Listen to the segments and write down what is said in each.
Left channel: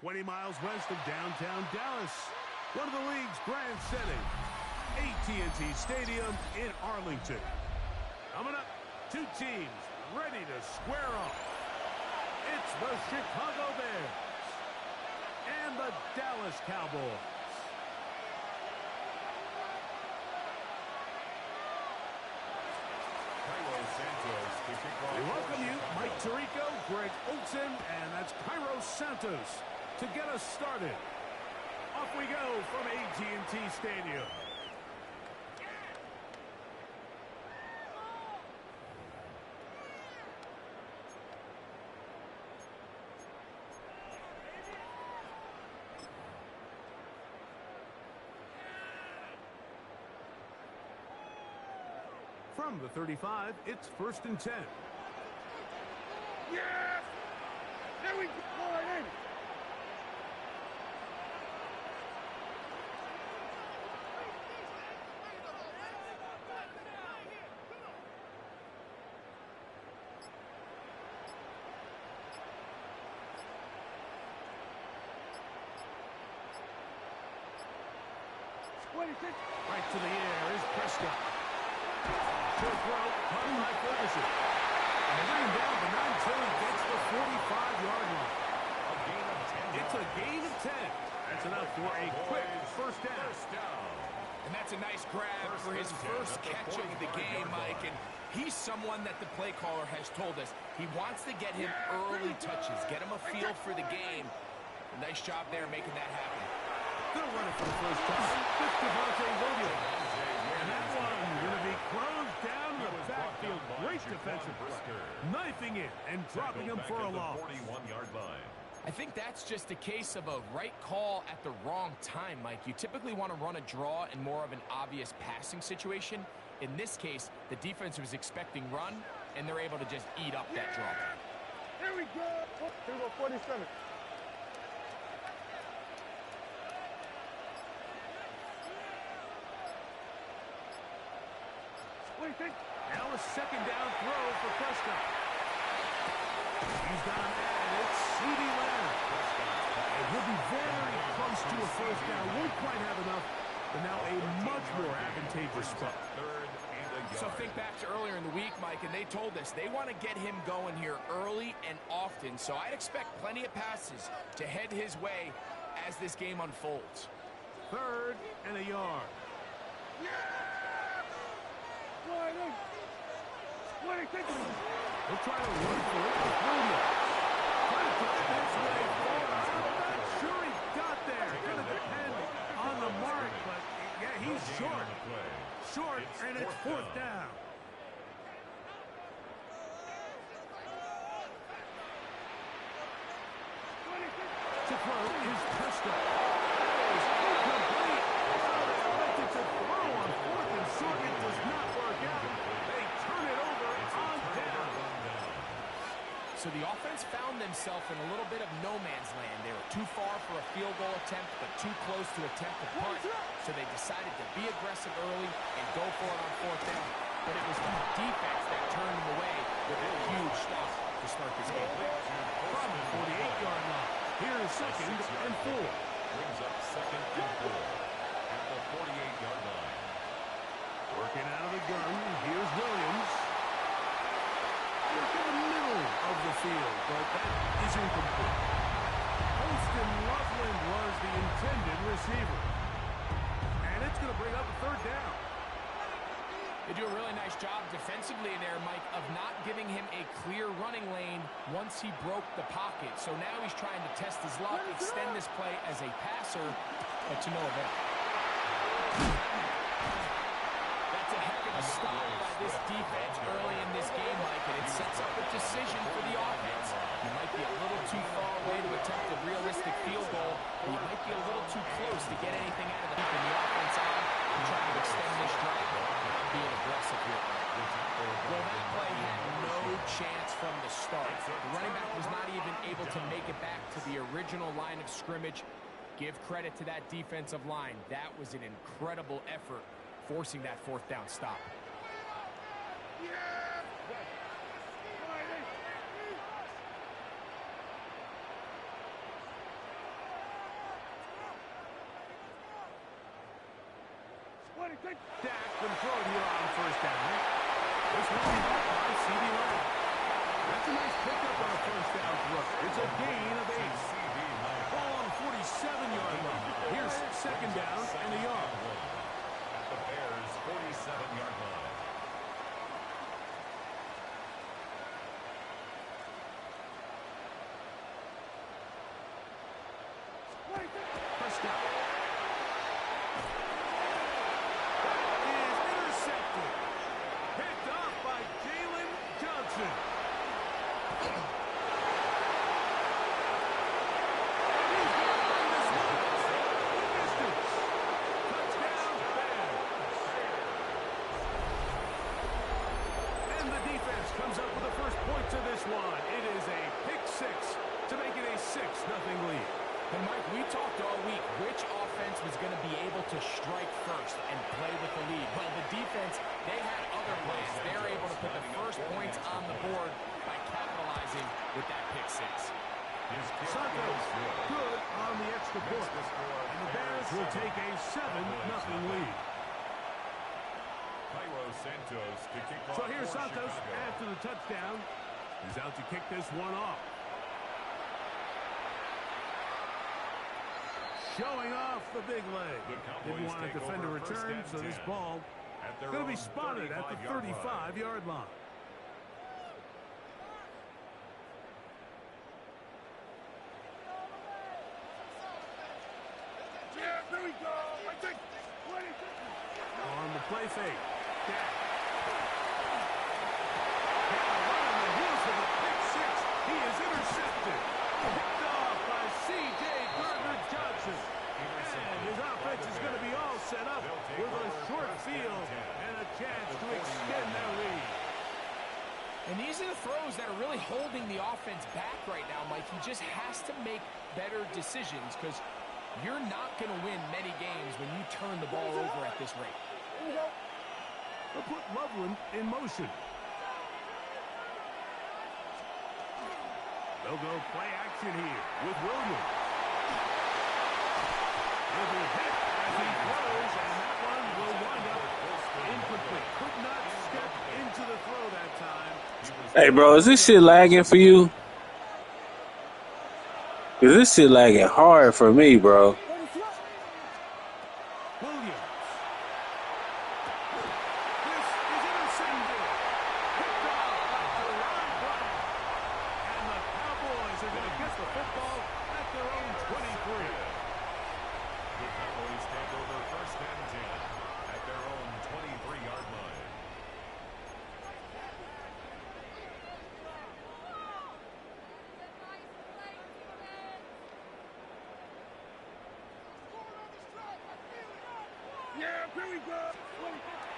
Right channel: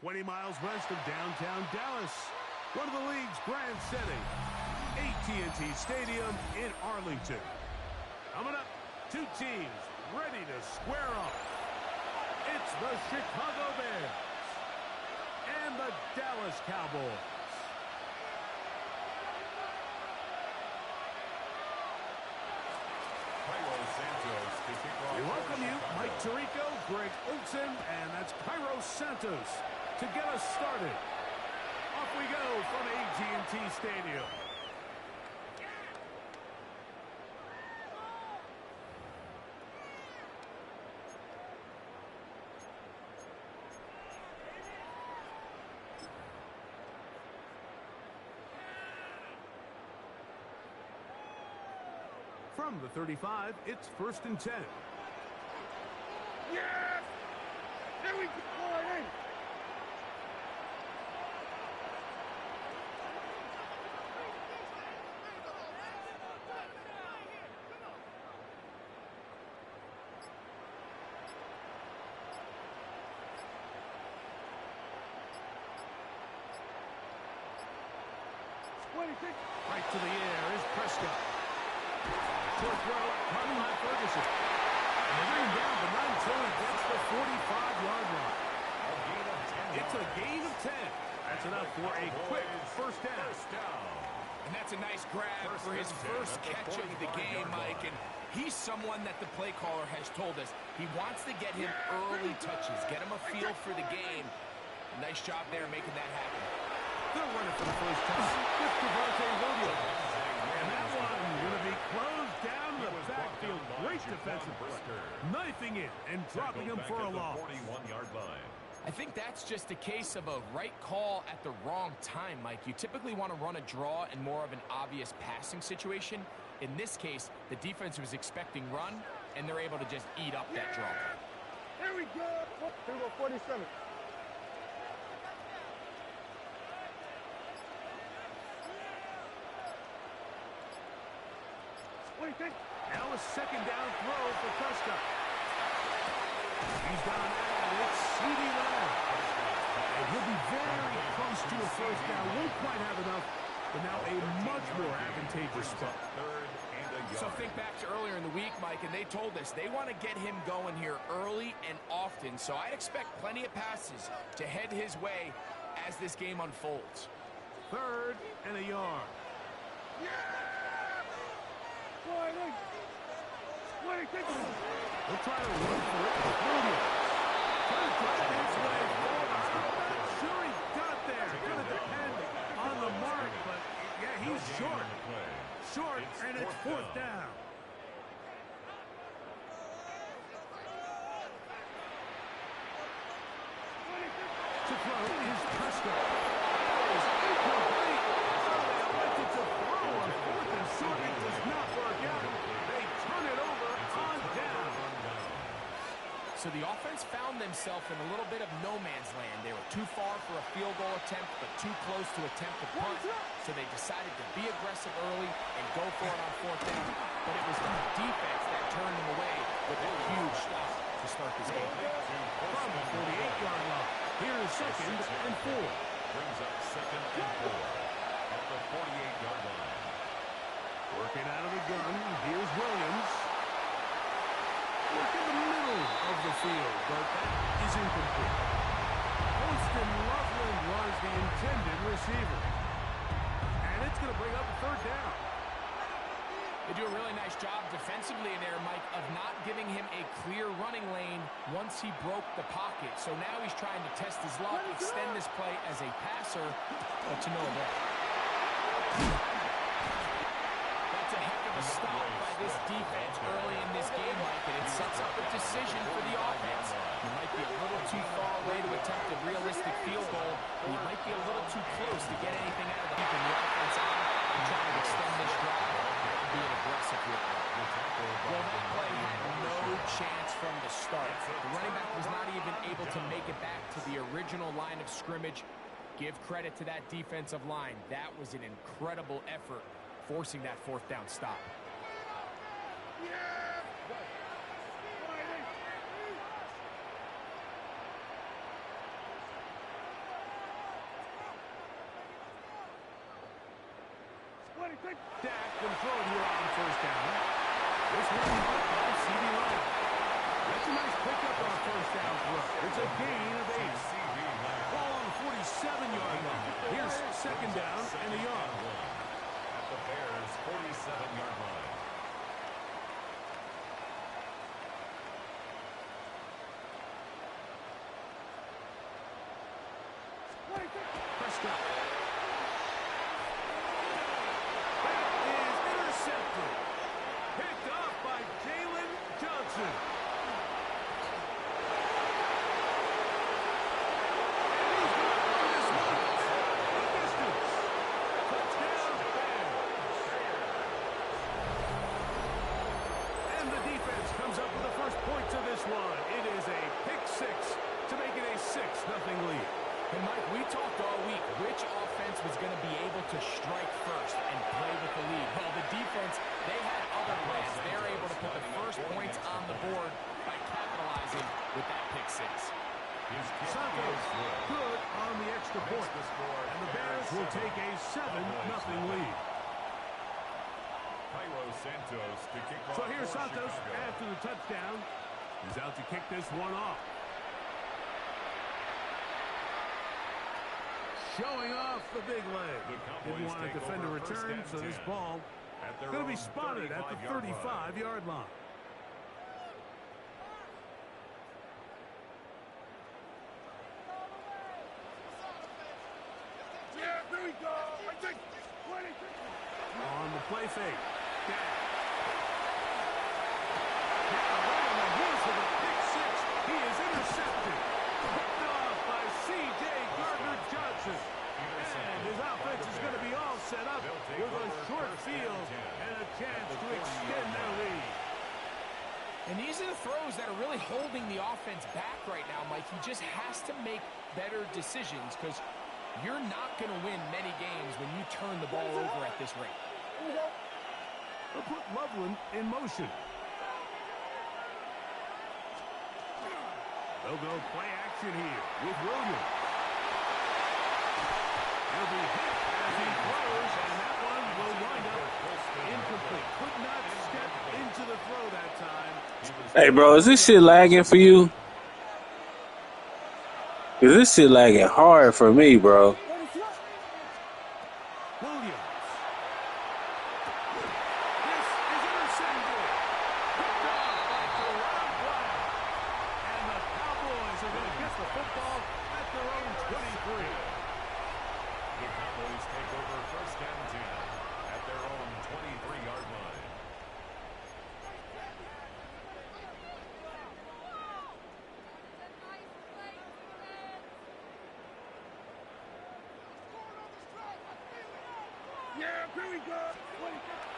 20 miles west of downtown Dallas, one of the league's grand settings, AT&T Stadium in Arlington. Coming up, two teams ready to square off. It's the Chicago Bears and the Dallas Cowboys. We welcome you, Mike Tirico, Greg Olson, and that's Cairo Santos to get us started. Off we go from AT&T Stadium. From the 35, it's 1st and 10. Yes! There we go! In. Right to the air is Prescott. Short throw, caught by Ferguson. And they bring him down, but not until he gets the 45-yard line. A gain of 10 It's a gain of 10. That's enough for a quick first down. And that's a nice grab for his first catch of the game, Mike. And he's someone that the play caller has told us he wants to get him early touches, get him a feel for the game. Nice job there making that happen. They'll run it for the first time. It's Devontae Williams. And that one going to be closed down in the backfield. Great defensive play. Knifing it and dropping him for a loss. 41-yard line. I think that's just a case of a right call at the wrong time, Mike. You typically want to run a draw in more of an obvious passing situation. In this case, the defense was expecting run, and they're able to just eat up that draw. Here we go! Here we go, 47. Now a second down throw for Prescott. He's got an ad. It's CeeDee Lamb. And he'll be very close to a first down. Won't quite have enough, but now a much more advantageous spot. So think back to earlier in the week, Mike, and they told us they want to get him going here early and often. So I'd expect plenty of passes to head his way as this game unfolds. 3rd and a yard. He'll try to run for it with Williams. Trying to drive his way forward. I'm not sure he got there. Going to depend on the mark, but yeah, he's short. Short, and it's 4th down. To throw is Prescott. That is incomplete. Oh, they elected to throw on 4th and short. It does not work out. They turn it over on down. So the offense found themselves in a little bit of no man's land. They were too far for a field goal attempt, but too close to attempt a punt. So they decided to be aggressive early and go for it on 4th down. But it was the defense that turned them away with a huge stop to start this game. From the 48-yard line, here is 2nd and 4. Brings up 2nd and 4 at the 48-yard line. Working out of the gun, here's Williams. Work in the middle of the field, but that is incomplete. Holston Loveland was the intended receiver. And it's going to bring up a 3rd down. They do a really nice job defensively there, Mike, of not giving him a clear running lane once he broke the pocket. So now he's trying to test his luck, extend this play as a passer, but to no avail. That's a heck of a stop by this defense early in this game, Mike, and it sets up a decision for the offense. You might be a little too far away to attempt a realistic field goal, and you might be a little too close to get anything out of the keeping the offense on and trying to extend this drive. Being aggressive here. Well, that play had no chance from the start. The running back was not even able to make it back to the original line of scrimmage. Give credit to that defensive line. That was an incredible effort, forcing that 4th down stop. Dak can throw it here on first down. This one caught by C.D. Lamb. That's a nice pickup on a first down throw. It's a gain of 8. Ball on the 47-yard line. Here's second down and a yard. At the Bears' 47-yard line. Prescott. That is intercepted. Picked off by Jalen Johnson. And he's going to run this one the distance. Touchdown, Bears. And the defense comes up with the first points of this one. It is a pick 6 to make it a 6-0 lead. And, Mike, we talked all week which offense was going to be able to strike first and play with the lead. Well, the defense, they had other plans. They're able to put the first points on the board by capitalizing with that pick 6. Santos good on the extra point. And the Bears will take a 7-0 lead. So here's Santos after the touchdown. He's out to kick this one off. Showing off the big leg. Didn't want to defend a return, so this ball is going to be spotted at the 35-yard line. Yeah, there we go. On the play fake. Dak. Now right on the heels of a pick 6. He is intercepted. Picked off by C.J. Gardner-Johnson. And his offense is going to be all set up with a short field and a chance to extend their lead. And these are the throws that are really holding the offense back right now, Mike. He just has to make better decisions because you're not going to win many games when you turn the ball over at this rate. They'll put Loveland in motion. They'll go play action here with Williams. He'll be hit as he throws, and that one will wind up incomplete. Could not step into the throw that time. Hey, bro, is this shit lagging for you? Cause this shit lagging hard for me, bro. Williams. This is intercepted. Picked off by Deron Bland. And the Cowboys are going to get the football at their own 23. The Cowboys take over first and 10 at their own 23-yard line. Yeah, here we go.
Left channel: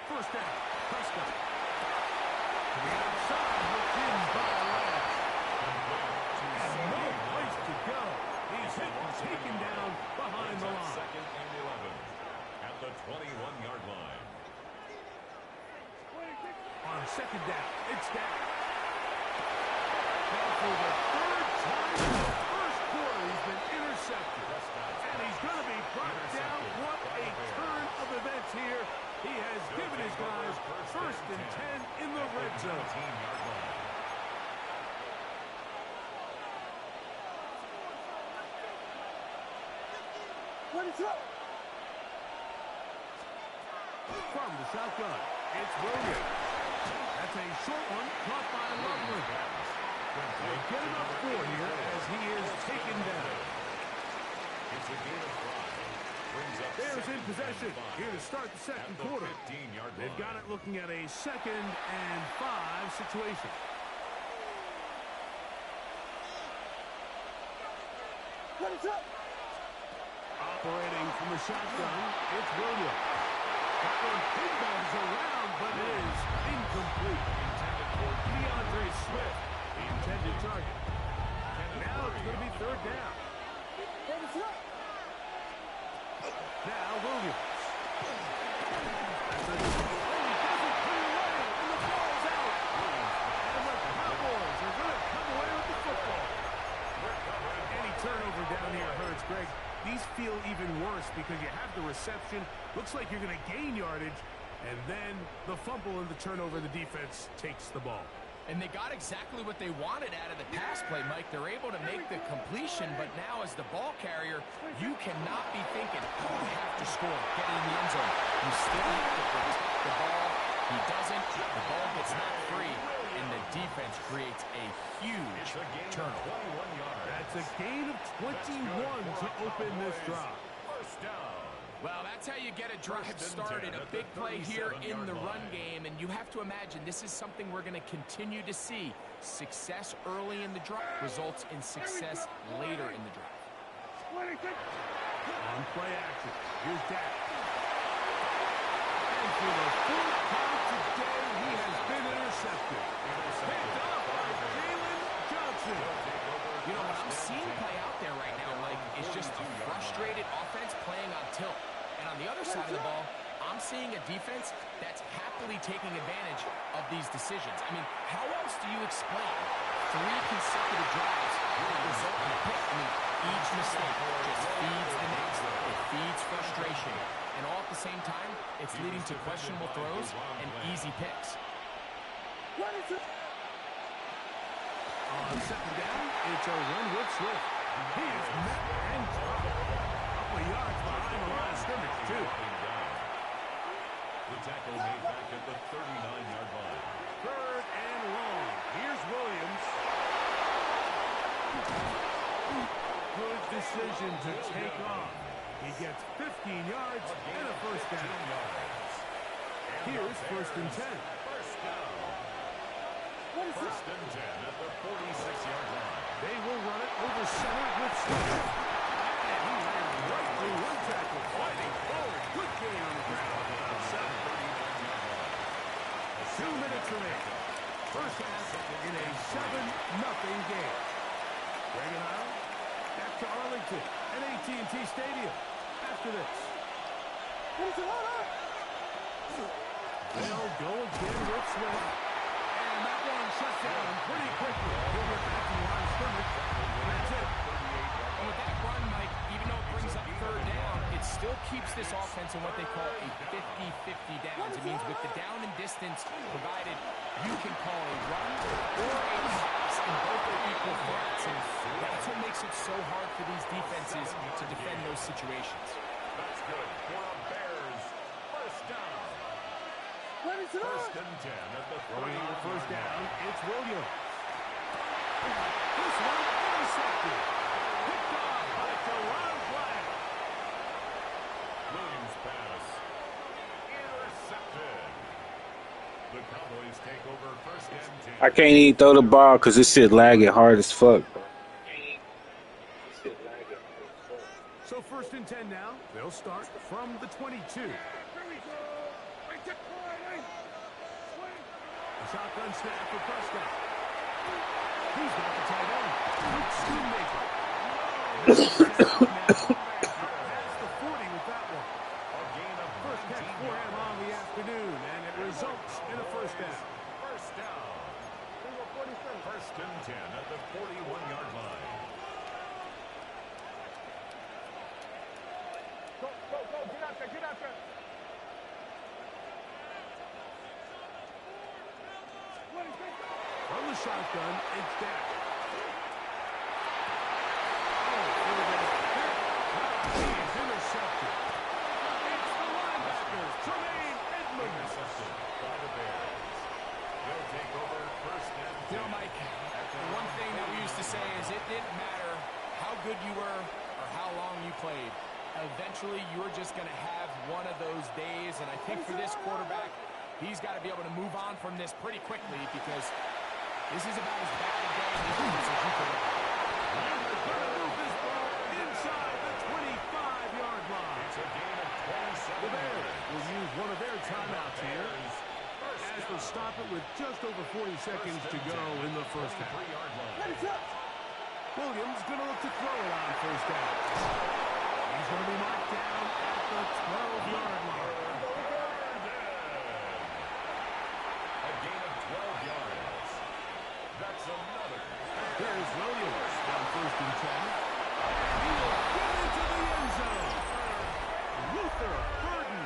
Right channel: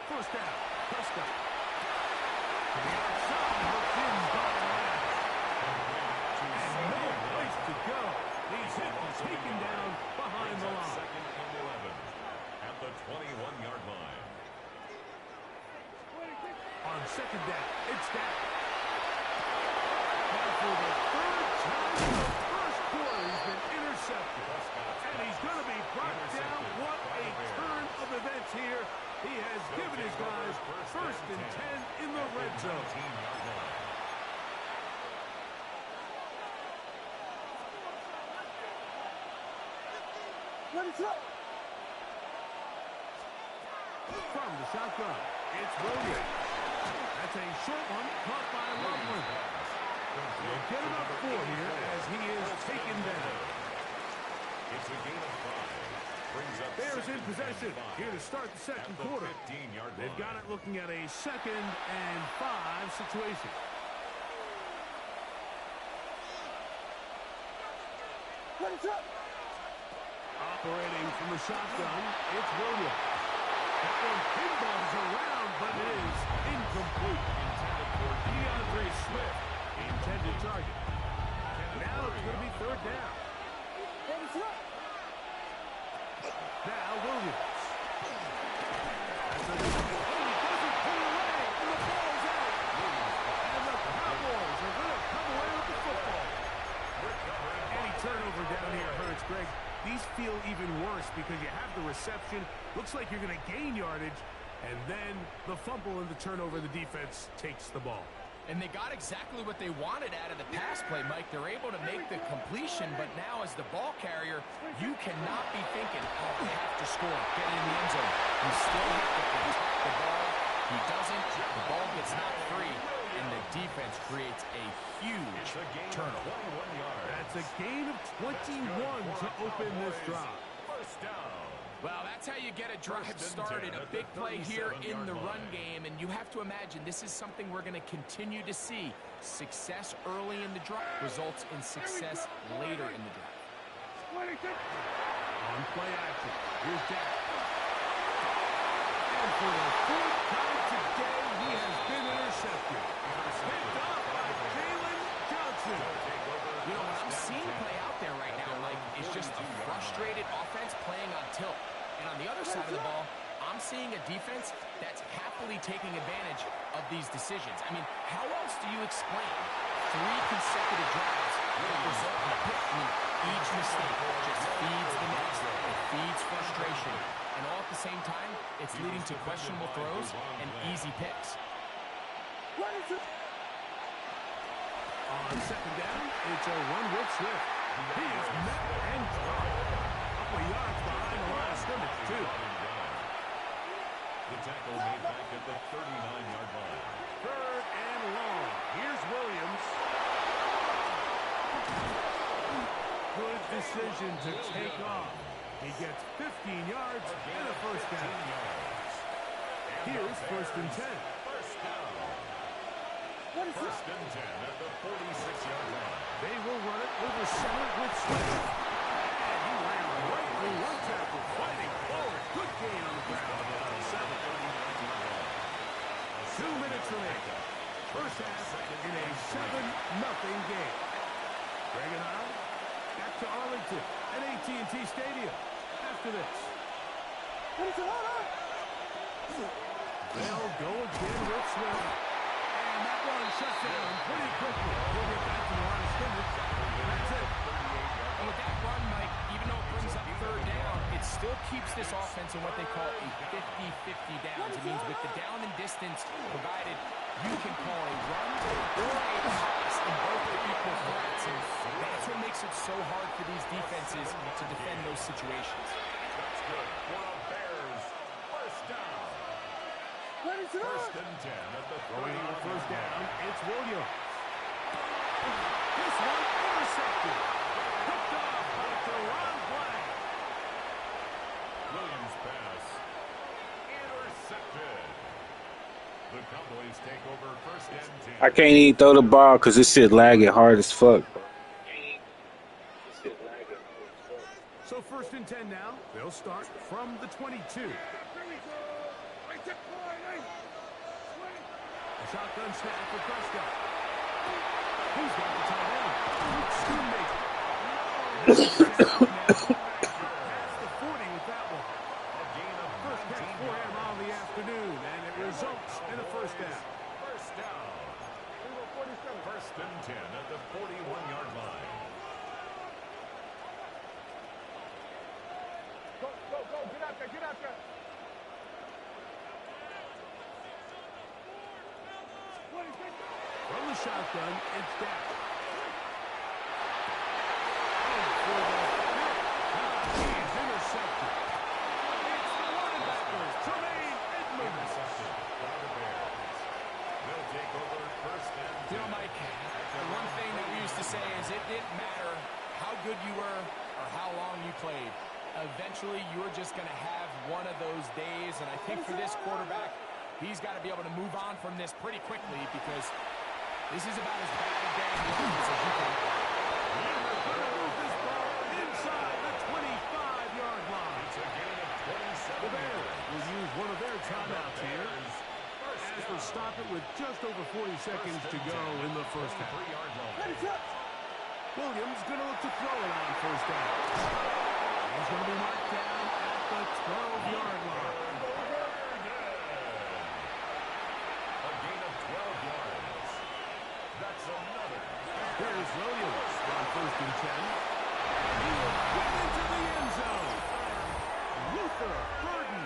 First down, Prescott. To the outside, hooked in by Lamb. And no place to go. He's hit and taken down behind the line. Second and 11 at the 21-yard line. On second down, it's Dak. Now for the third time in the first quarter, he's been intercepted. And he's going to be brought down. What a turn of events here. He has given his guys first and 10 in the red zone. 19-yard line. What is up? From the shotgun, it's Williams. That's a short one caught by Loveland. They'll get him up 4 here as he is taken down. It's a gain of 5. Brings up Bears in possession 5 here to start the second at the quarter. 15-yard line. They've got it looking at a 2nd and 5 situation. What is up? Operating from the shotgun, it's Williams. That one pinballs around, but it is incomplete. Intended for DeAndre Swift, the intended target. Now it's going to be third down. What is up? Now Williams. That's a oh, he doesn't put it away, and the ball's out. And the Cowboys are going to come away with the football. Any turnover down here hurts, Greg. These feel even worse because you have the reception. Looks like you're going to gain yardage. And then the fumble and the turnover, the defense takes the ball. And they got exactly what they wanted out of the pass play, Mike. They're able to make the completion, but now as the ball carrier, you cannot be thinking, oh, I have to score, get it in the end zone. You still have to protect the ball. He doesn't. The ball gets knocked free, and the defense creates a huge turnover. That's a gain of 21 to open this drive. First down. Well, that's how you get a drive started. A big play here in the run game, and you have to imagine this is something we're going to continue to see. Success early in the drive results in success later in the drive. On play action, here's Dak. And for the fourth time today, he has been intercepted. Picked off by Jalen Johnson. You know, what I'm seeing play out there right now, Mike, is just a frustrated offense playing on tilt. And on the other side of the ball, I'm seeing a defense that's happily taking advantage of these decisions. I mean, how else do you explain 3 consecutive drives that result in a pick? I mean, each mistake just feeds the next. It feeds frustration. And all at the same time, it's leading to questionable throws and easy picks. On second down, it's a run with Swift. He is met and dropped. A couple of yards behind the line of scrimmage, too. The tackle made back at the 39-yard line. Third and long. Here's Williams. Good decision to take off. He gets 15 yards and a first down. Here's first and 10. First down. First and 10 at the 46-yard line. They will run it over center with Swift. And he ran right through one tackle, fighting forward. Good gain on the ground. 2 minutes remaining. First half in a 7-0 game. Greg and I back to Arlington at AT&T Stadium after this. They'll go again with Swift. And that one shut down pretty quickly. He'll get back to the line of scrimmage. And that's it. And with that run, Mike, even though it brings up third down, it still keeps this offense in what they call a 50-50 downs. It means with the down and distance provided, you can call a run or a pass, and both are equal threats. And that's what makes it so hard for these defenses to defend those situations. That's good for a Bears first down. First and 10 at the Throwing on first down, it's Williams. This one intercepted. Picked off by Deron Black. Williams pass. Intercepted. The Cowboys take over first and 10. I can't even throw the ball because this shit lagging hard as fuck. So first and 10 now. They'll start from the 22. A shotgun snap for Prescott. He's got the tight end. Luke Schoonmaker. Past the 40 with that one. A gain of First catch for him on the afternoon, and it results in a first down. First down. First and 10 at the 41-yard line. Go, get out there. From the shotgun, it's Dak. Oh, for the fifth time, he is intercepted. It's the linebacker, Tremaine Edmonds. Intercepted by the Bears. They'll take over first and 10. You know, Mike, the one thing that we used to say is it didn't matter how good you were or how long you played. Eventually, you're just going to have one of those days, and I think for this quarterback, he's got to be able to move on from this pretty quickly because this is about as bad a day in the office as you can. And they're going to move this ball inside the 25-yard line. It's a gain of 27. The Bears will use one of their timeouts here as they stop it with just over 40 seconds to go in the first half. Williams going to look to throw it on first down. He's going to be marked down at the 12-yard line. A gain of 12 yards. That's another. Here's Williams on first and 10. And he will get into the end zone. Luther Burden.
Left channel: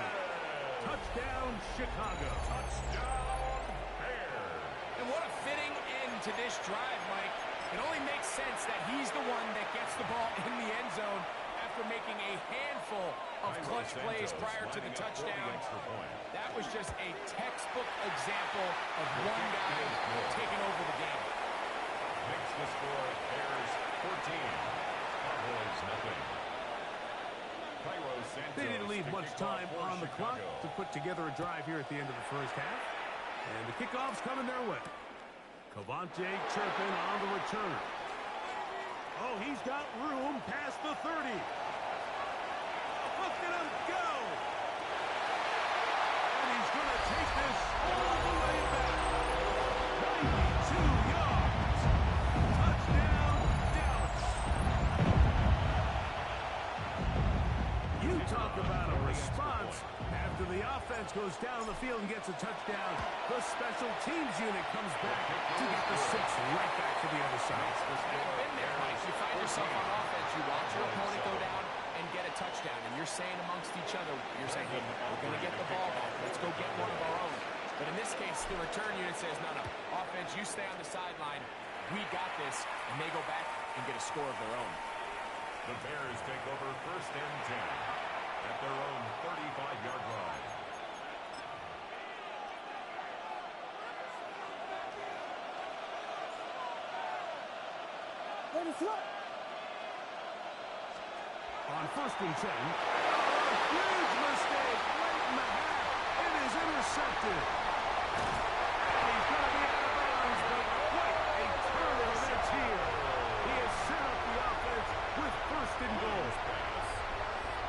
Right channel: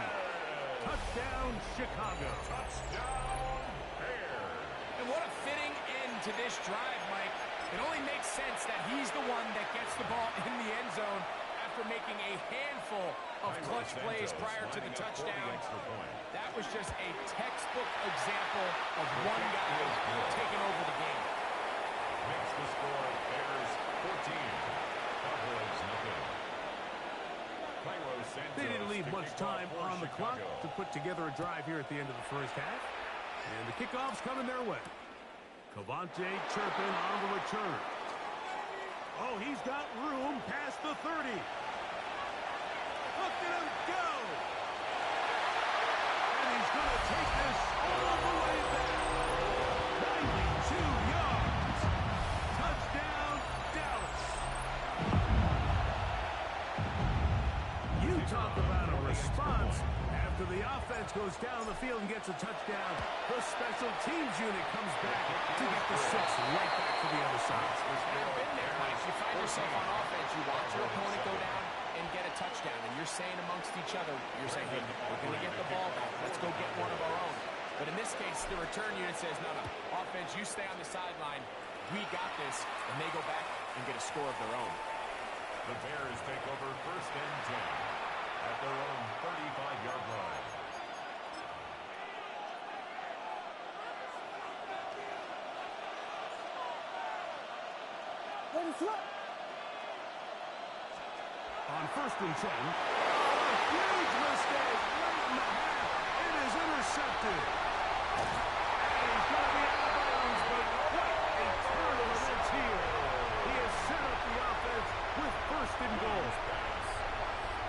Touchdown, Chicago. Touchdown, Bears. And what a fitting end to this drive, Mike. It only makes sense that he's the one that gets the ball in the end zone after making a handful of clutch plays prior to the touchdown. That was just a textbook example of one guy taking over the game. Makes the score Bears 14, Cowboys nothing. They didn't leave much time on the clock to put together a drive here at the end of the first half. And the kickoff's coming their way. Cavante Turpin on the return. Oh, he's got room past the 30. Look at him go. And he's going to take this all the way back. 92 yards. Touchdown, Dallas. You talk about a response. After the offense goes down the field and gets a touchdown, the special teams unit comes back to get the 6 right back to the other side. And I've been there, Mike. You find yourself on offense, you watch your opponent go down and get a touchdown, and you're saying amongst each other, you're saying, hey, we're going to get the ball back. Let's go get one of our own. But in this case, the return unit says, no, offense, you stay on the sideline. We got this, and they go back and get a score of their own. The Bears take over 1st and 10 at their own 35-yard line. On 1st and 10, a huge mistake late in the half. It is intercepted. And he's going to be out of bounds, but quite a turn of events here. He has set up the offense with 1st and goal.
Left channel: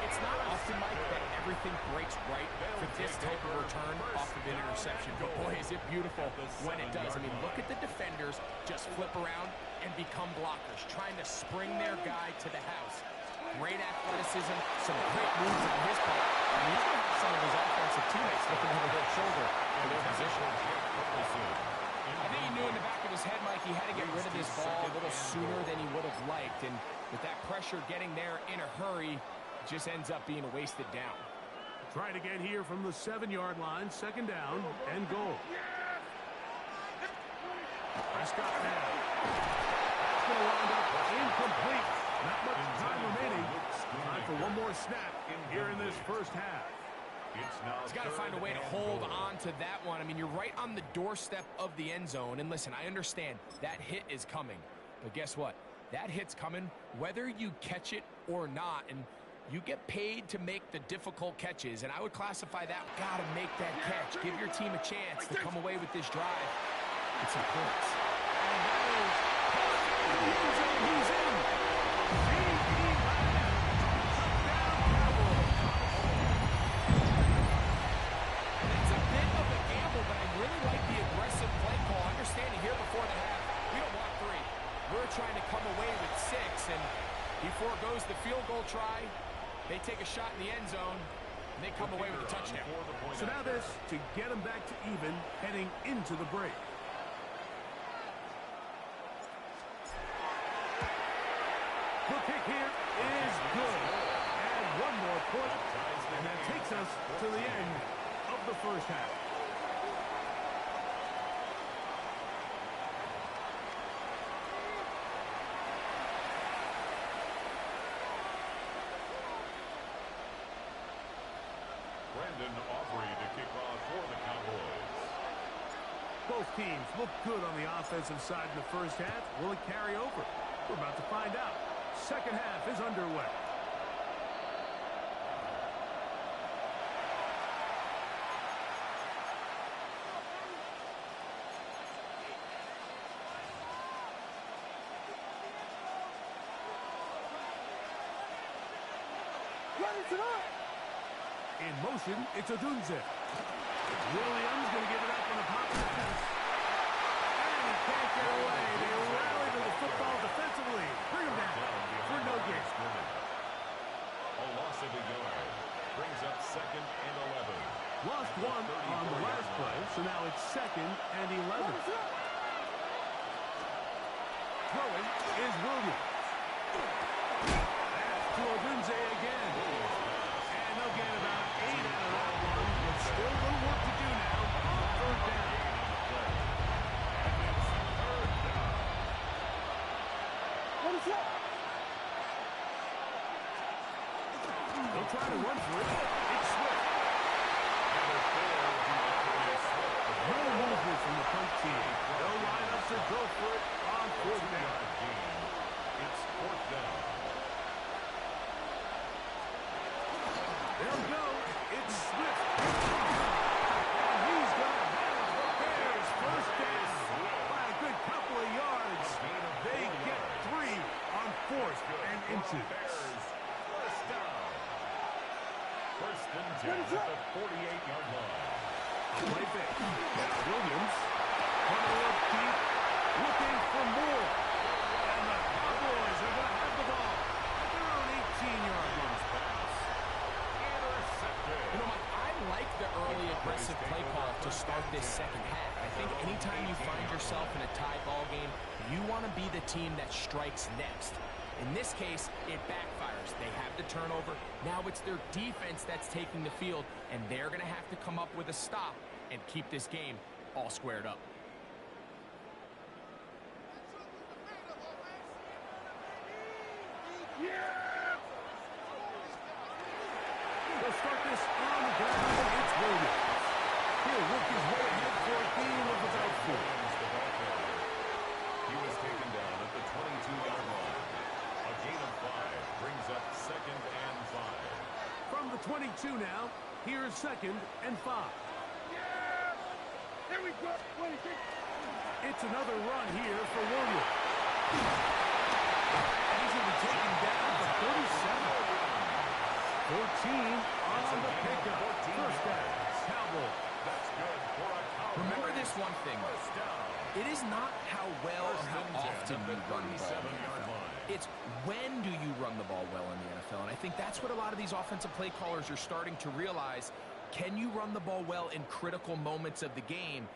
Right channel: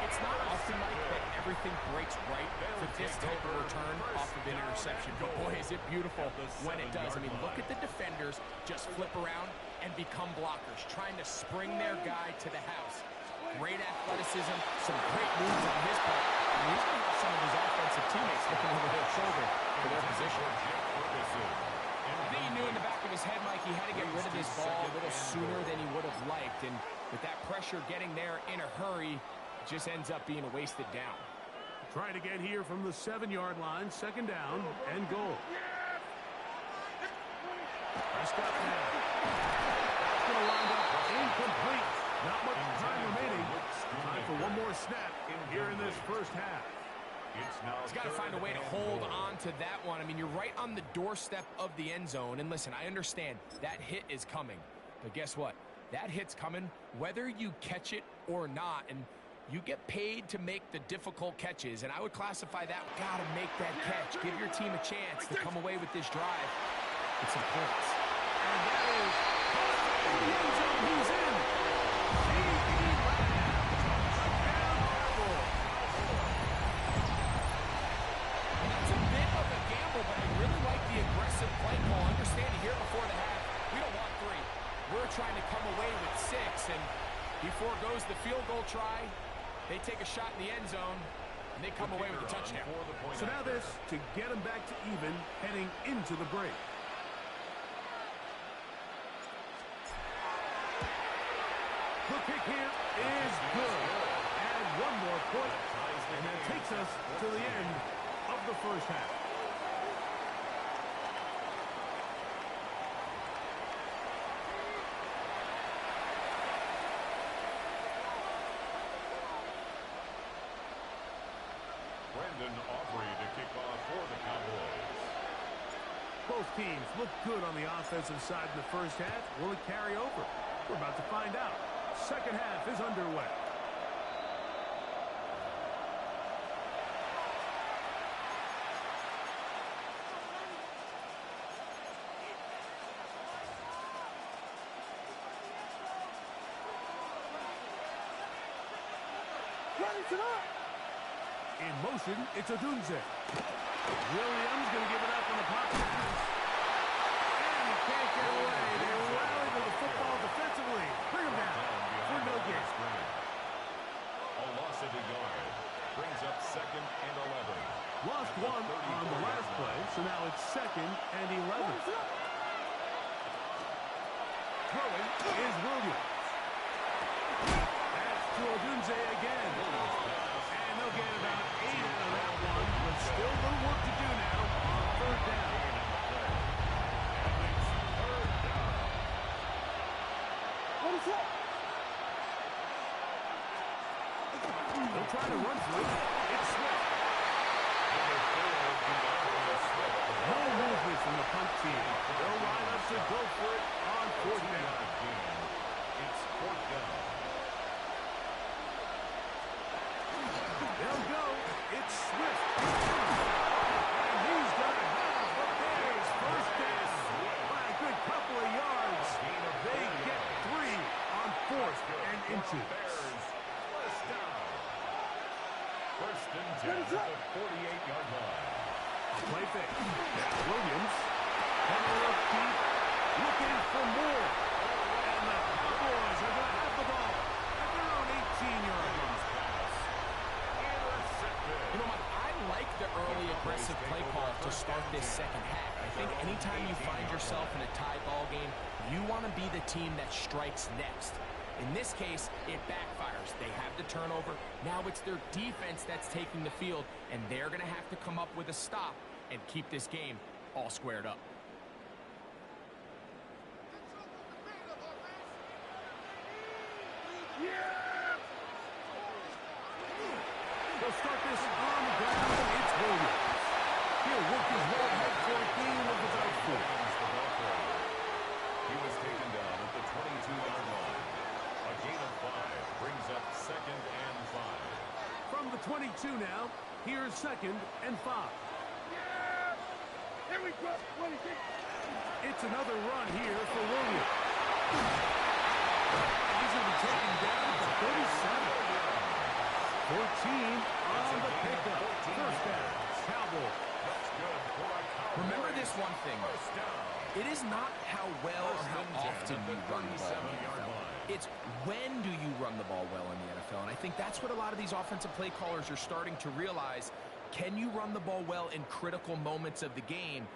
It's not often, Mike, that everything breaks right for this type of return off of an interception. But boy, is it beautiful when it does. I mean, look at the defenders just flip around and become blockers, trying to spring their guy to the house. Great athleticism, some great moves on his part. And he's going to have some of his offensive teammates looking over their shoulder for their position. I think he knew in the back of his head, Mike, he had to get rid of this ball a little sooner than he would have liked. And with that pressure getting there in a hurry, it just ends up being a wasted down. Trying to get here from the 7-yard line, 2nd down and goal. Prescott now. That's going to wind up incomplete. Not much time remaining. Time for one more snap here in this first half. He's got to find a way to hold on to that one. I mean, you're right on the doorstep of the end zone. And listen, I understand that hit is coming. But guess what? That hit's coming whether you catch it or not. And you get paid to make the difficult catches. And I would classify that, got to make that catch. Give your team a chance to come away with this drive with some points. And that is caught in the end zone. He's in. Touchdown, Cowboys. And that's a bit of a gamble, but I really like the aggressive play call. Understanding here before the half, we don't want 3. We're trying to come away with 6, and he foregoes the field goal try. They take a shot in the end zone, and they come away with a touchdown. So now this to get him back to even heading into the break. The kick here is good. And one more point, and that takes us to the end of the first half. Brandon Aubrey to kick off for the Cowboys. Both teams look good on the offensive side in the first half. Will it carry over? We're about to find out. Second half is underway. In motion, it's Odunze. Williams going to give it up on the pop pass. And he can't get away. They rally to the football defensively. Bring him down for no gain. A loss of a yard. Brings up 2nd and 11. Lost one on the last play, so now it's 2nd and 11. Throwing is Williams. That's to Odunze again. And they'll get about 8 out of that one, but still a little work to do now on third down. They'll try to run for it. It's Swift. No movement from the punt team. They'll line up to go for it on fourth down. It's fourth down. They'll go. It's Swift. And he's going to have the Bears first down by a good couple of yards. They get 3 on fourth and inches. First down. First and 10 at the 48-yard line. A play fake. Now Williams. Coming up deep. Looking for more. And the Cowboys are going to have the ball at their own 18-yard line. You know, Mike, I like the early aggressive play call to start this second half. I think anytime you find yourself in a tie ball game, you want to be the team that strikes next. In this case, it backfires. They have the turnover. Now it's their defense that's taking the field, and they're going to have to come up with a stop and keep this game all squared up. They'll start this on the ground. It's Williams. He'll work his way ahead for a gain of about 4. He was taken down at the 22-yard line. A gain of 5 brings up second and 5. From the 22 now, here's second and 5. Yeah! Here we go. It's another run here for Williams. And he's going to be taken down at the 37. 14 on the pickup. First down, Cowboys. That's good for a Cowboys. Remember this one thing. First down. It is not how well or how often you run the ball in the NFL. It's when do you run the ball well in the NFL. And I think that's what a lot of these offensive play callers are starting to realize. Can you run the ball well in critical moments of the game?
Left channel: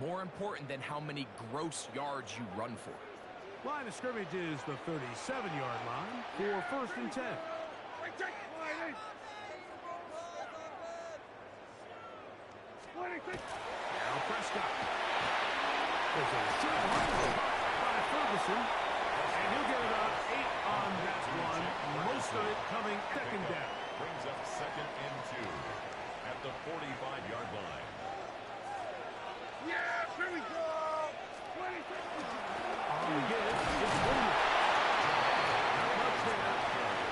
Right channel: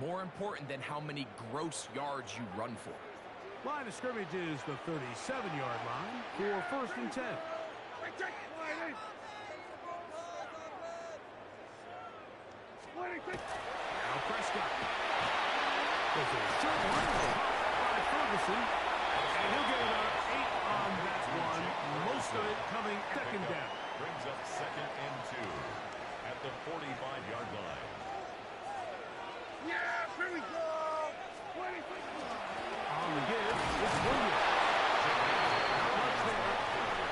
More important than how many gross yards you run for. Line of scrimmage is the 37-yard line for first and 10. Now Prescott. There's a short one by Ferguson. And he'll get about 8 on that one. Most of it coming second down. Brings up second and 2 at the 45-yard line. Yeah, here we go. On the give is Williams. Not much there.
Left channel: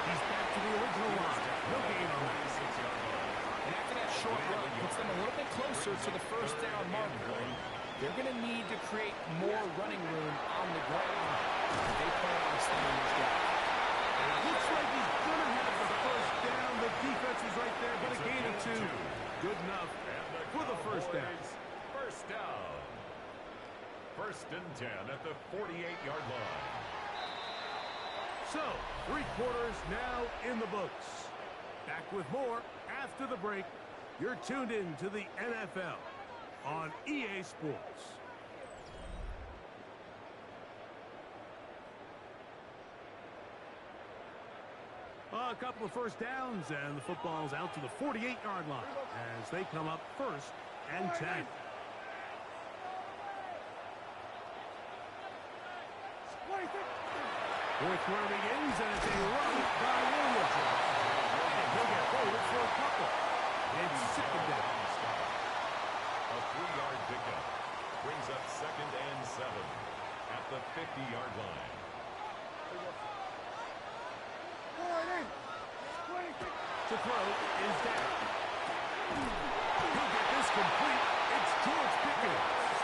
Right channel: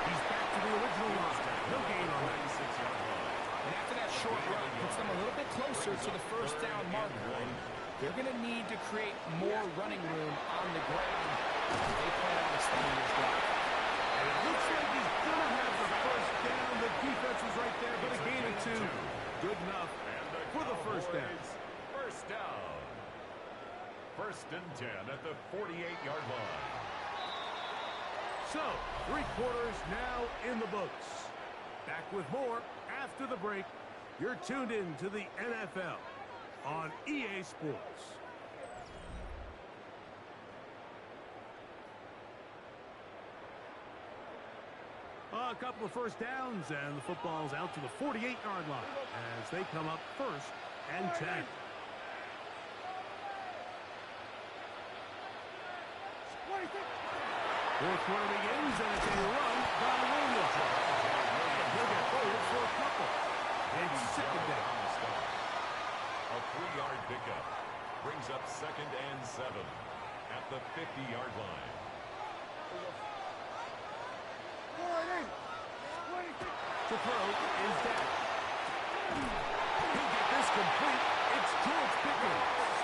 He's back to the original line. No gain on that. 96-yard line. And after that short run, puts them a little bit closer to the first down marker. And they're going to need to create more running room on the ground if they plan on extending this drive. And it looks like he's going to have the first down. The defense was right there, but a gain of 2. Good enough for the first down. First down. First and 10 at the 48-yard line. So, 3 quarters now in the books. Back with more after the break. You're tuned in to the NFL on EA Sports. A couple of first downs, and the football's out to the 48-yard line as they come up first and 10. Fourth quarter begins, and it's a run by Williams. And he'll get forward for a couple. It's second down. A 3-yard pickup brings up second and 7 at the 50-yard line. To throw is down. He'll get this complete. It's George Pickens.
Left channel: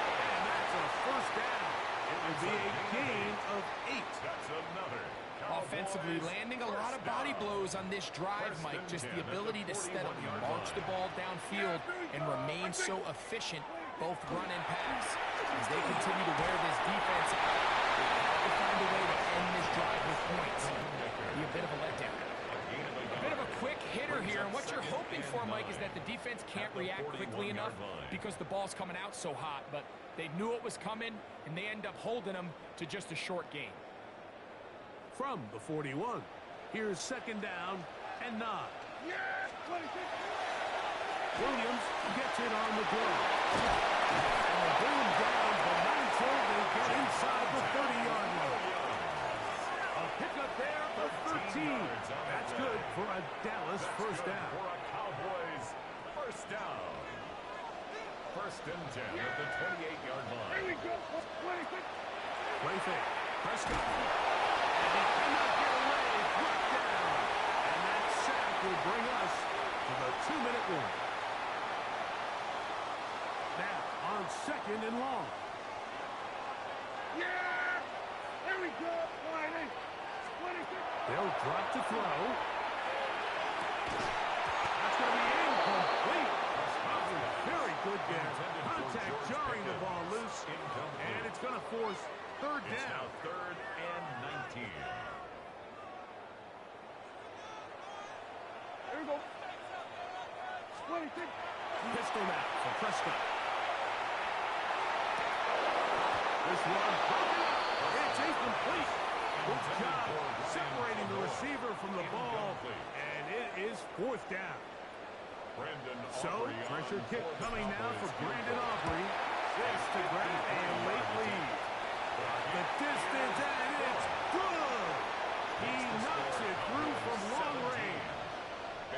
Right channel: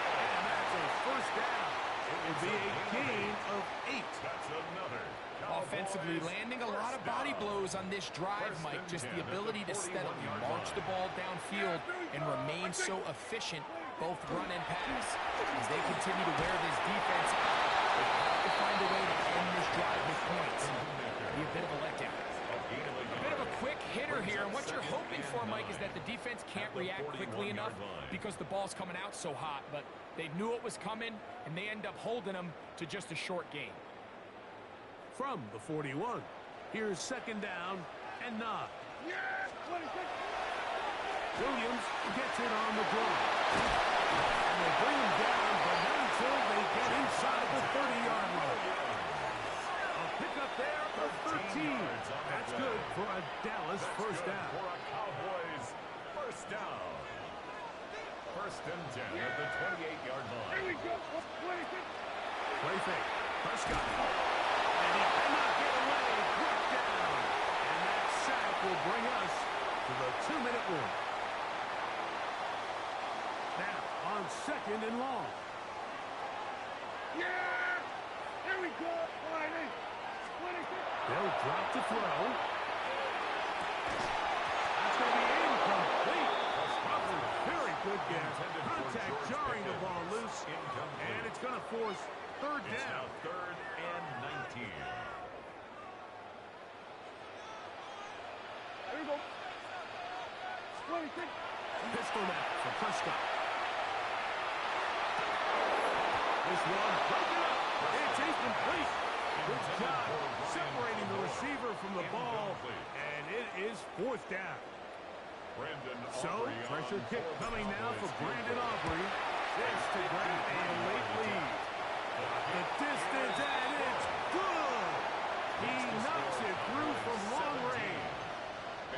And that's a first down. It will be a gain of 8. That's another. Offensively, landing a lot of body blows on this drive, Mike. Just the ability to steadily march the ball downfield and remain so efficient, both run and pass. As they continue to wear this defense out, they have to find a way to end this drive with points. Be a bit of a letdown. A bit of a quick hitter here, and what you're hoping for, Mike, is that the defense can't react quickly enough because the ball's coming out so hot, but they knew it was coming, and they end up holding them to just a short gain. from the 41. Here's second down and 9. Yeah! 26! Williams gets it on the draw. And they bring him down, but not until they get inside the 30-yard line. A pickup there for 13. That's good for a Dallas first down. For a Cowboys first down. First and 10 at the 28-yard line. Here we go! 26! Play fake. Prescott. And he cannot get away. Brought down. And that sack will bring us to the 2-minute warning. Now, on second and long. Yeah! Here we go! 26! They'll drop to throw. That's going to be incomplete. Coverage very good there. Contact jarring the ball loose. And it's going to force third It's down. now third and 19. Here we go! 26! Pistol now for Prescott. This one broken up. It's incomplete. Good job separating the receiver from the ball. And it is fourth down. So, pressure kick coming now for Brandon Aubrey. This to grab a late lead. The distance, and it's good. He knocks it through from long range.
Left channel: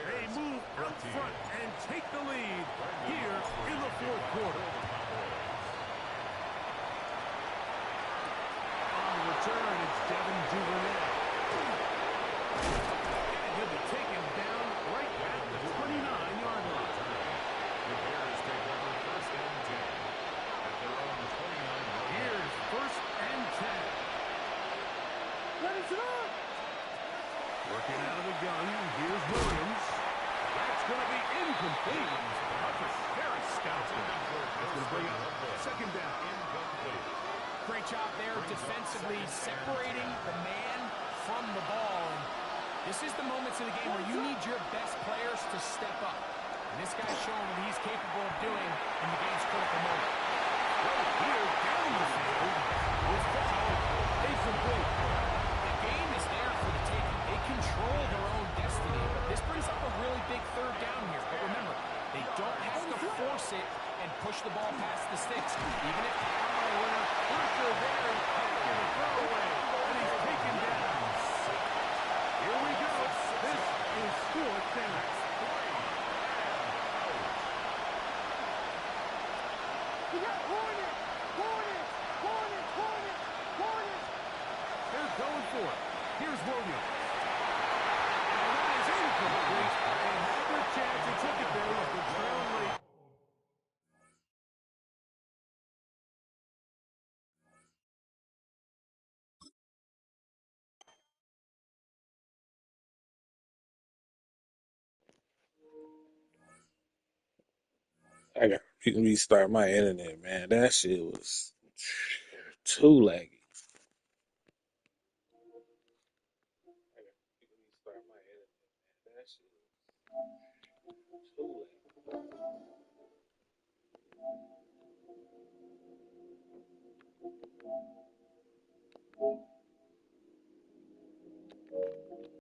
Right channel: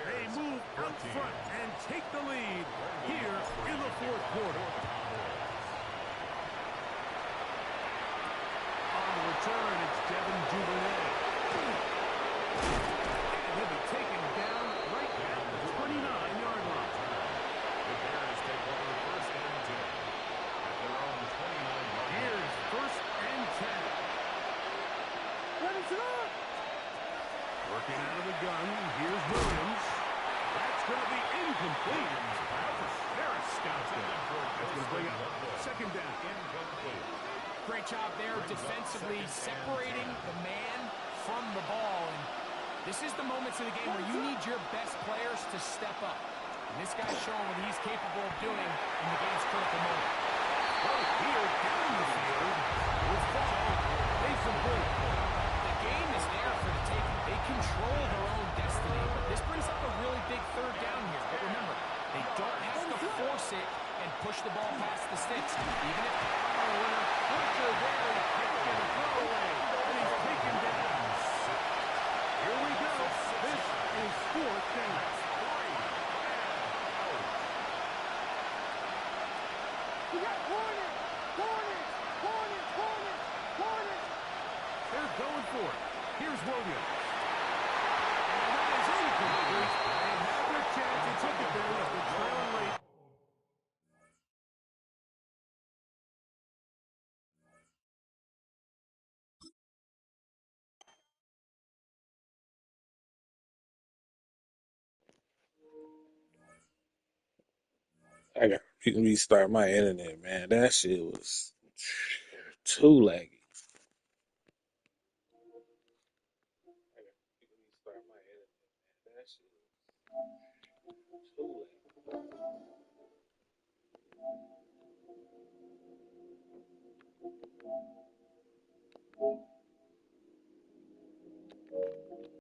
They move out front and take the lead here in the fourth quarter. On the return, it's Devin Duvernay. And he'll be taken down right at the 29-yard line. The Bears take over first and 10 at their own 29-yard line. Here's first and 10. Let it up! Working out of the gun, here's Williams. That's going to be incomplete. Coverage very stout there. That's going to bring up second down. Incomplete. Great job there defensively separating the man from the ball. And this is the moments of the game where you need your best players to step up. And this guy's showing what he's capable of doing in the game's critical moment. Well, here down the field will fall incomplete. The game is there for the taking. They control their own destiny. But this brings up a really big third down here. But remember, they don't have to force it and push the ball past the sticks. Even if Winner, pressure there, he's taking a throwaway, and he's taken down. Here we go. This is fourth down. We got Hornet! Hornet! Hornet! Hornet! Hornet! They're going for it. Here's Williams. And that is incomplete. They had their chance. They took it there with the trailing late. I got to restart my internet, man. That shit was too laggy. Too laggy.